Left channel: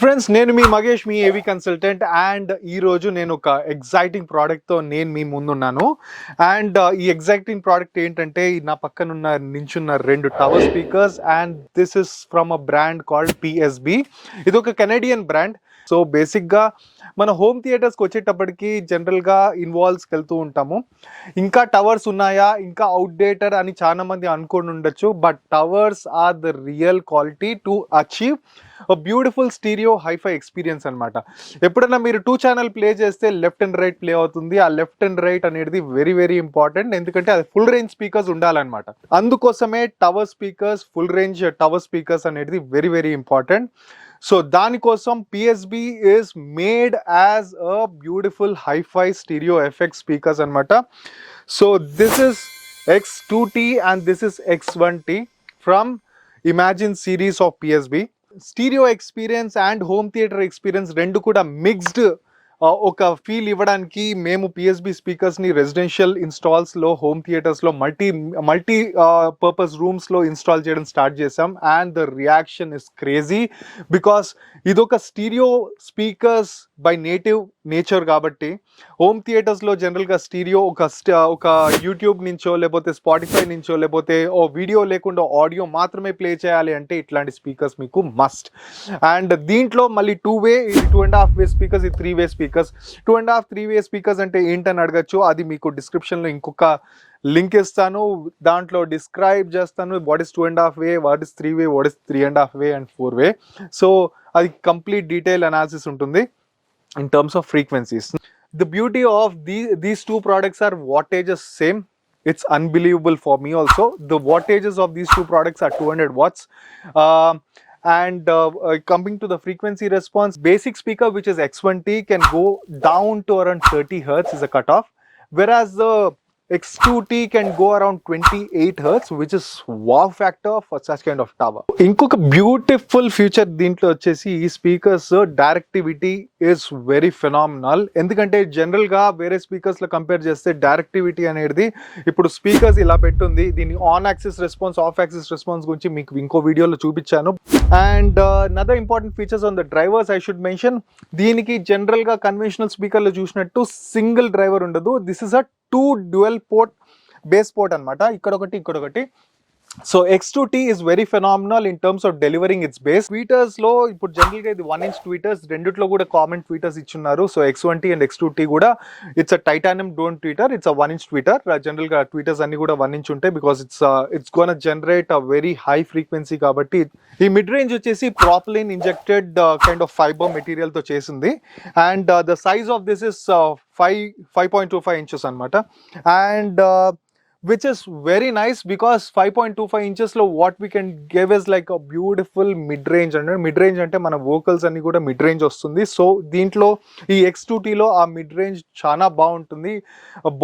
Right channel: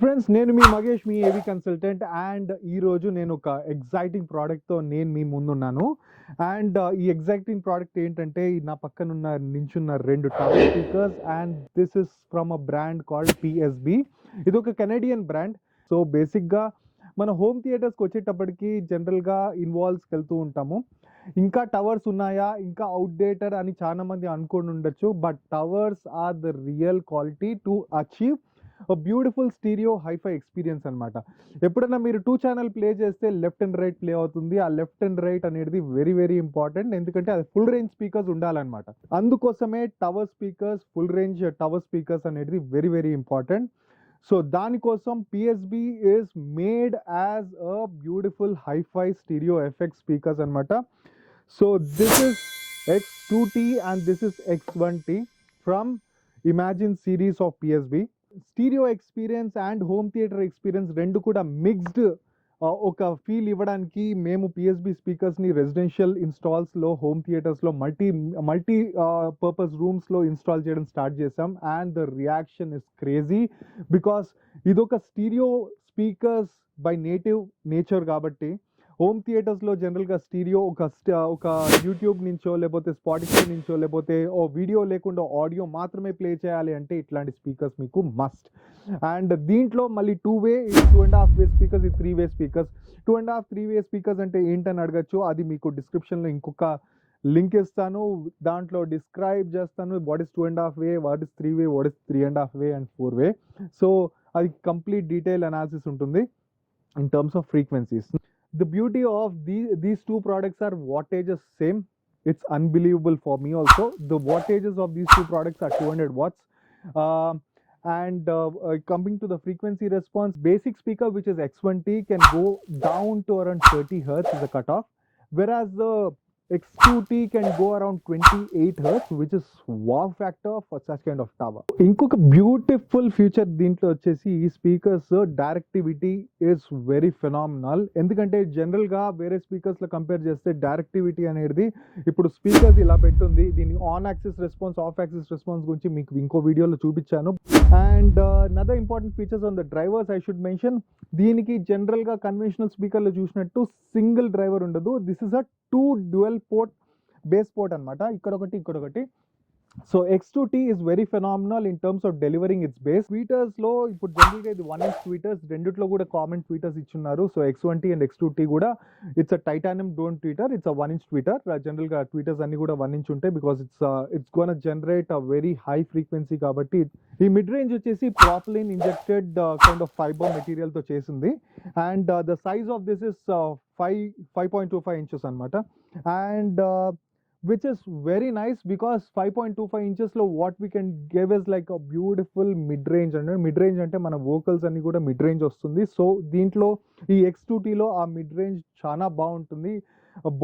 ఫ్రెండ్స్, నేను మీ మగేష్, మీ ఏవి consultant. And ఈరోజు నేను ఒక ఎగ్జైటింగ్ ప్రోడక్ట్తో నేను మీ ముందున్నాను. అండ్ ఈ ఎగ్జైటింగ్ ప్రోడక్ట్ ఏంటంటే, నా పక్కనున్న నించున్న 2 tower speakers. And this is from a brand called PSB. ఇది ఒక కెనడియన్ బ్రాండ్. సో బేసిక్గా మన హోమ్ థియేటర్స్కి వచ్చేటప్పటికి జనరల్గా ఇన్వాల్వ్స్కి వెళ్తూ ఉంటాము. ఇంకా టవర్స్ ఉన్నాయా, ఇంకా అవుట్డేటెడ్ అని చాలా మంది అనుకొని ఉండొచ్చు. But towers are the real quality to achieve beautiful stereo hi-fi experience అనమాట. ఎప్పుడైనా మీరు 2 ఛానల్ ప్లే చేస్తే లెఫ్ట్ అండ్ రైట్ ప్లే అవుతుంది. ఆ లెఫ్ట్ అండ్ రైట్ అనేది వెరీ వెరీ ఇంపార్టెంట్, ఎందుకంటే అది ఫుల్ రేంజ్ స్పీకర్స్ ఉండాలన్నమాట. అందుకోసమే tower speakers, full range tower speakers అనేది వెరీ వెరీ ఇంపార్టెంట్. సో దానికోసం PSB is made as a beautiful hi-fi stereo effect speakers అనమాట. So this is X2T and this is X1T from Imagine series of PSB. Stereo experience and home theatre experience రెండు కూడా మిక్స్డ్ ఒక ఫీల్ ఇవ్వడానికి మేము PSB స్పీకర్స్ని రెసిడెన్షియల్ ఇన్స్టాల్స్లో, హోమ్ థియేటర్స్లో, మల్టీ పర్పస్ రూమ్స్లో ఇన్స్టాల్ చేయడం స్టార్ట్ చేసాం. And the reaction is crazy because ఇదొక స్టీరియో స్పీకర్స్ బై నేచర్ కాబట్టి హోమ్ థియేటర్స్లో జనరల్గా స్టీరియో ఒక యూట్యూబ్ నుంచో, లేకపోతే స్పాటిఫై నుంచో, లేకపోతే ఓ వీడియో లేకుండా ఆడియో మాత్రమే ప్లే చేయాలి అంటే ఇట్లాంటి స్పీకర్స్ మీకు మస్ట్. అండ్ దీంట్లో మళ్ళీ 2-way, 2.5 వే speakers, 3-way speakers. 2.5, 3-way speakers అంటే ఏంటని అడగచ్చు. అది మీకు డిస్క్రిప్షన్లో ఇంకొక లింక్ ఇస్తాను, దాంట్లో డిస్క్రైబ్ చేస్తాను. What is 2.5 way, what is 3-way, what is 3.5 way and 4-way. So అది కంప్లీట్ డీటెయిల్ అనాలిసిస్ ఉంటుంది in terms of frequencies. The beauty of these two products are wattages same. It's unbelievable for me also. The wattages of these two products are 200 watts. Coming to the frequency response, basic speaker which is X1T can go down to around 30 hertz is a cutoff, whereas the X2T can go around 28 hertz, which is wow factor for such kind of tower. ఇంకొక beautiful feature దీంట్లో వచ్చేసి ఈ speakers directivity is very phenomenal. ఎందుకంటే జనరల్గా వేరే స్పీకర్స్లో కంపేర్ చేస్తే డైరెక్టివిటీ అనేది, ఇప్పుడు స్పీకర్స్ ఇలా పెట్టుంది, దీని on axis response, off axis response గురించి మీకు ఇంకో వీడియోలో చూపించాను. And another important features on the drivers I should mention. దీనికి జనరల్గా కన్వెన్షనల్ స్పీకర్లో చూసినట్టు సింగిల్ డ్రైవర్ ఉండదు. This is a 2 dual port base port అనమాట, ఇక్కడొకటి ఇక్కడొకటి. So X2T is very phenomenal in terms of delivering its bass. ట్వీటర్స్లో ఇప్పుడు జనరల్గా ఇది 1-inch ట్వీటర్స్, రెండిట్లో కూడా కామన్ ట్వీటర్స్ ఇచ్చున్నారు. సో X1T అండ్ X2T కూడా it's a titanium dome tweeter, it's a 1-inch tweeter. జనరల్గా ట్వీటర్స్ అన్ని కూడా 1-inch ఉంటాయి because it's gonna generate a very high frequency. కాబట్టి ఈ మిడ్ రేంజ్ వచ్చేసి propylene injected kind of fibre మెటీరియల్తో చేసింది. And the size of this is 5.25 inches అనమాట. And which is very nice because 5.25 inches లో what we can give is like a beautiful mid-range. అంటే mid-range అంటే మన vocals అన్ని కూడా mid-range వస్తుంది. సో దీంట్లో ఈ X2T లో ఆ mid-range చాలా బాగుంటుంది.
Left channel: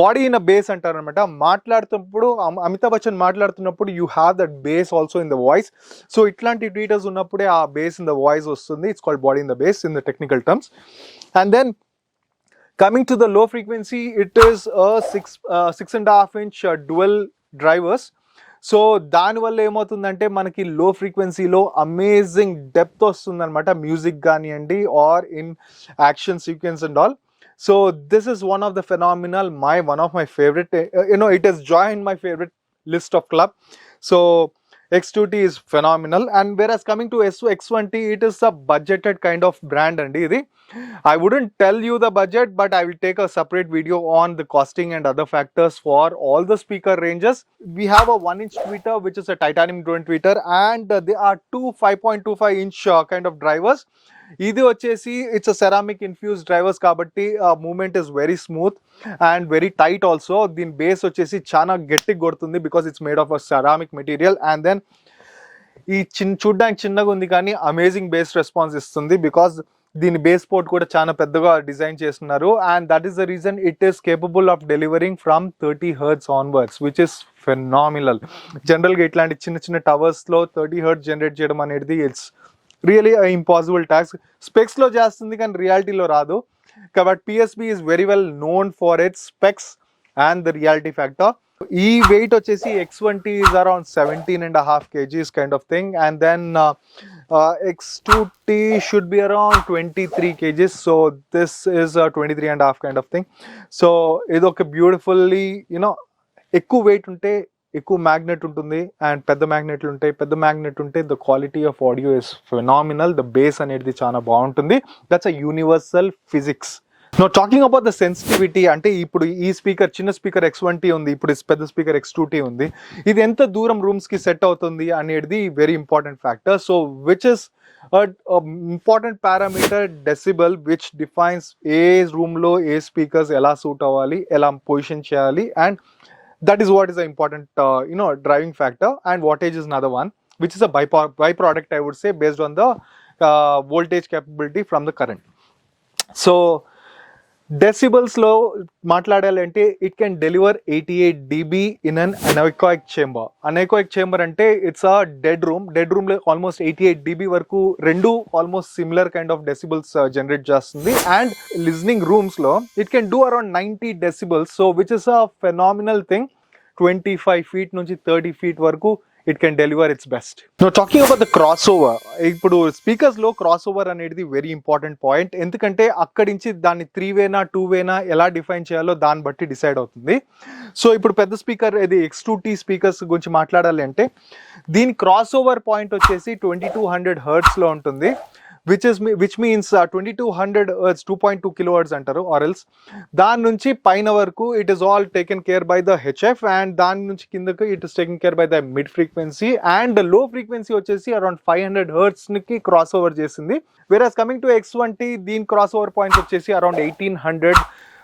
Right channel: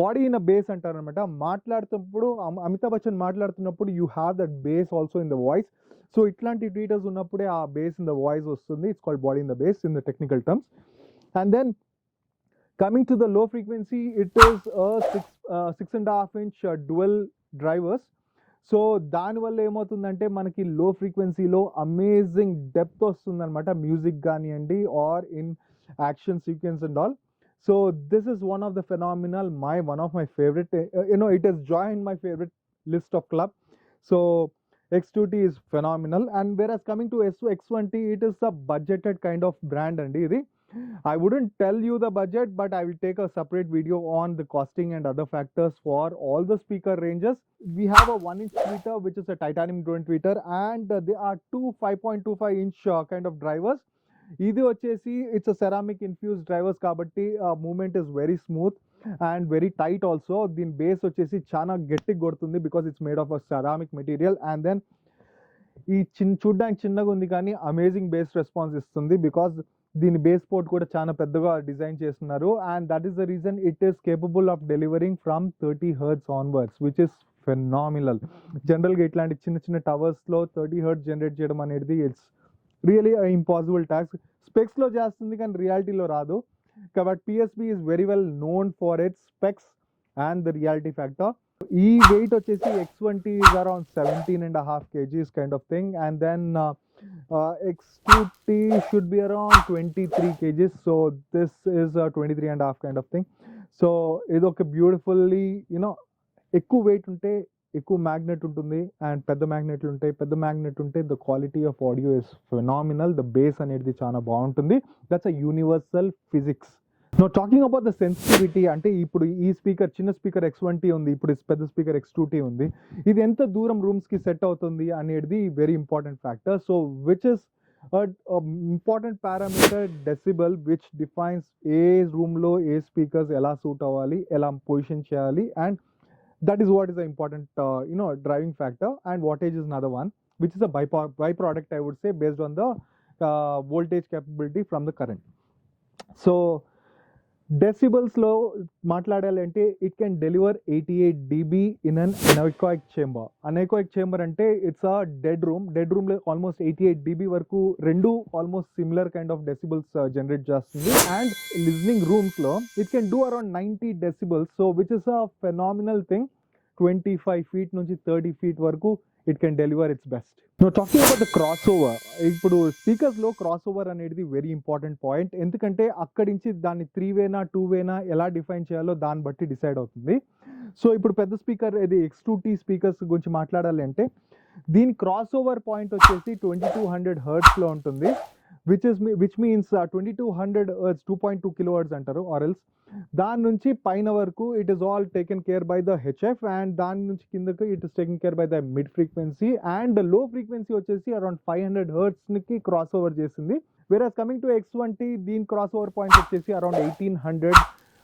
బాడీ ఇన్ అ బేస్ అంటారు అనమాట. మాట్లాడుతున్నప్పుడు అమితాబ్ బచ్చన్ మాట్లాడుతున్నప్పుడు you have that bass also in the voice. So ఇట్లాంటి ట్వీటర్స్ ఉన్నప్పుడే ఆ బేస్ ఇన్ ద వాయిస్ వస్తుంది. It's called body in the bass in the technical terms. And then coming to the low frequency, it is a 6.5 inch dual drivers. So దానివల్ల ఏమవుతుందంటే మనకి లో ఫ్రీక్వెన్సీలో amazing depth వస్తుంది అనమాట, మ్యూజిక్ కానివ్వండి or in action sequence and all. So this is one of the phenomenal, one of my favorite, it has joined my favorite list of club. So X2T is phenomenal. And whereas coming to X1T, it is a budgeted kind of brand and ఇది I wouldn't tell you the budget, but I will take a separate video on the costing and other factors for all the speaker ranges. We have a 1-inch tweeter which is a titanium drone tweeter, and there are 2 5.25 inch kind of drivers. ఇది వచ్చేసి it's a ceramic infused drivers కాబట్టి movement is very smooth and very tight also. దీని bass వచ్చేసి చాలా గట్టిగా కొడుతుంది because it's made of a ceramic material. And then ఈ చూడ్డానికి చిన్నగా ఉంది కానీ అమేజింగ్ బేస్ రెస్పాన్స్ ఇస్తుంది బికాస్ దీని బేస్ పోర్ట్ కూడా చాలా పెద్దగా డిజైన్ చేస్తున్నారు. And that is the reason it is capable of delivering from 30 hertz onwards, which is phenomenal. జనరల్గా ఇట్లాంటి చిన్న చిన్న టవర్స్లో 30 hertz జనరేట్ చేయడం అనేది ఇట్స్ రియలీ ఇంపాసిబుల్ టాస్క్. స్పెక్స్లో చేస్తుంది కానీ రియాలిటీలో రాదు. కాబట్టి PSB is very well known for it's specs and the reality factor. ఈ వెయిట్ వచ్చేసి X1T is around 17.5 kgs kind of thing, and then X2T should be around 23 kgs. So this is a 23.5 kind of thing. So ఇది ఒక బ్యూటిఫుల్లీ ఎక్కువ వెయిట్ ఉంటే ఎక్కువ మ్యాగ్నెట్ ఉంటుంది, అండ్ పెద్ద మ్యాగ్నెట్లు ఉంటాయి. పెద్ద మ్యాగ్నెట్ ఉంటే the quality of audio is phenomenal. The bass అనేది చాలా బాగుంటుంది. That's a universal physics. No talking about the sensitivity, అంటే ఇప్పుడు ఈ స్పీకర్ చిన్న స్పీకర్ X1T ఉంది, ఇప్పుడు పెద్ద స్పీకర్ X2T ఉంది. ఇది ఎంత దూరం రూమ్స్కి సెట్ అవుతుంది అనేది very important factor. So which is important parameter decibel, which defines ఏ రూమ్లో ఏ స్పీకర్స్ ఎలా సూట్ అవ్వాలి, ఎలా పొజిషన్ చేయాలి, and that is what is the important driving factor. And wattage is another one, which is a byproduct, I would say, based on the voltage capability from the current. So decibels లో మాట్లాడాలంటే it can deliver 88 dB in an anechoic chamber. Anechoic chamber అంటే it's a dead రూమ్లో almost 88 dB వరకు రెండు almost similar kind of decibels generate చేస్తుంది. And listening రూమ్స్లో it can do around 90 decibels, so which is a phenomenal thing. 25 feet నుంచి 30 feet వరకు it can deliver its best. Now talking about the crossover, ఇప్పుడు స్పీకర్స్లో cross over అనేది very important point. ఎందుకంటే అక్కడి నుంచి దాన్ని 3 వేనా 2 వేనా ఎలా డిఫైన్ చేయాలో దాన్ని బట్టి డిసైడ్ అవుతుంది. సో ఇప్పుడు పెద్ద స్పీకర్ ఇది X2T స్పీకర్స్ గురించి మాట్లాడాలి అంటే దీని క్రాస్ ఓవర్ పాయింట్ వచ్చేసి 2200 హెర్ట్స్లో ఉంటుంది, which means 2200 hertz 2.2 kilohertz అంటారు, or else దాని నుంచి పైన వరకు it is all taken care by the HF, and దాని నుంచి కిందకు it is taken care by the mid frequency, and the low frequency వచ్చేసి around 500 hertz కి క్రాస్ ఓవర్ చేసింది. whereas coming to X1T, దీని క్రాస్ ఓవర్ పాయింట్ వచ్చేసి around 1800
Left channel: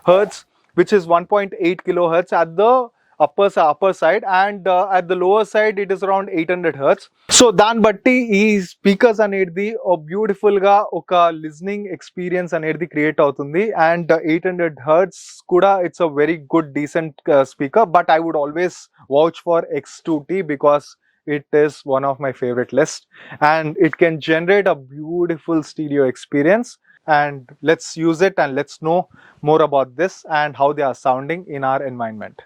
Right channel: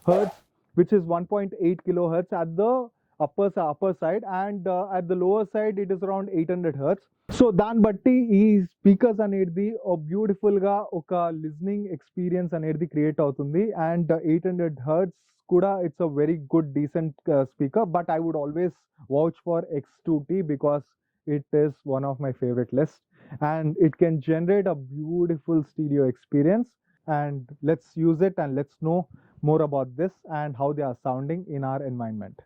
hertz, which is 1.8 kilohertz at the upper side, and at the lower side it is around 800 hertz. సో దాన్ని బట్టి ఈ speakers అనేది బ్యూటిఫుల్ గా ఒక లిజనింగ్ ఎక్స్పీరియన్స్ అనేది క్రియేట్ అవుతుంది. అండ్ 800 hertz కూడా it's a very good decent speaker. But I would always vouch for X2T because it is one of my favorite list, and it can generate a beautiful stereo experience. And let's use it, and let's know more about this and how they are sounding in our environment.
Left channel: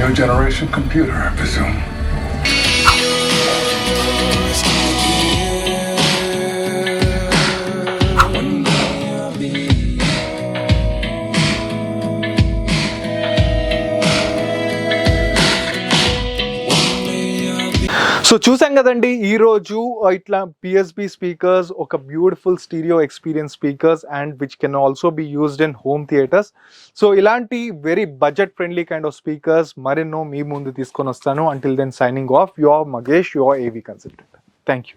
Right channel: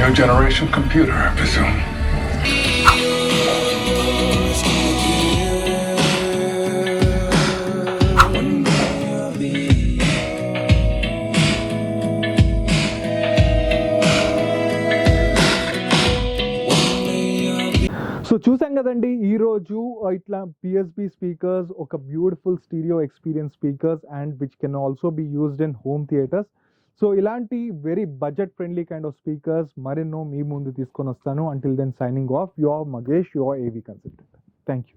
New generation computer, I presume. సో చూసాం కదండి ఈరోజు ఇట్లా PSB speakers ఒక beautiful stereo experience speakers, and which can also be used in home theatres. So ఇలాంటి very budget friendly kind of speakers మరెన్నో మీ ముందు తీసుకొని వస్తాను. Until then signing off, your Magesh, your AV consultant. Thank you.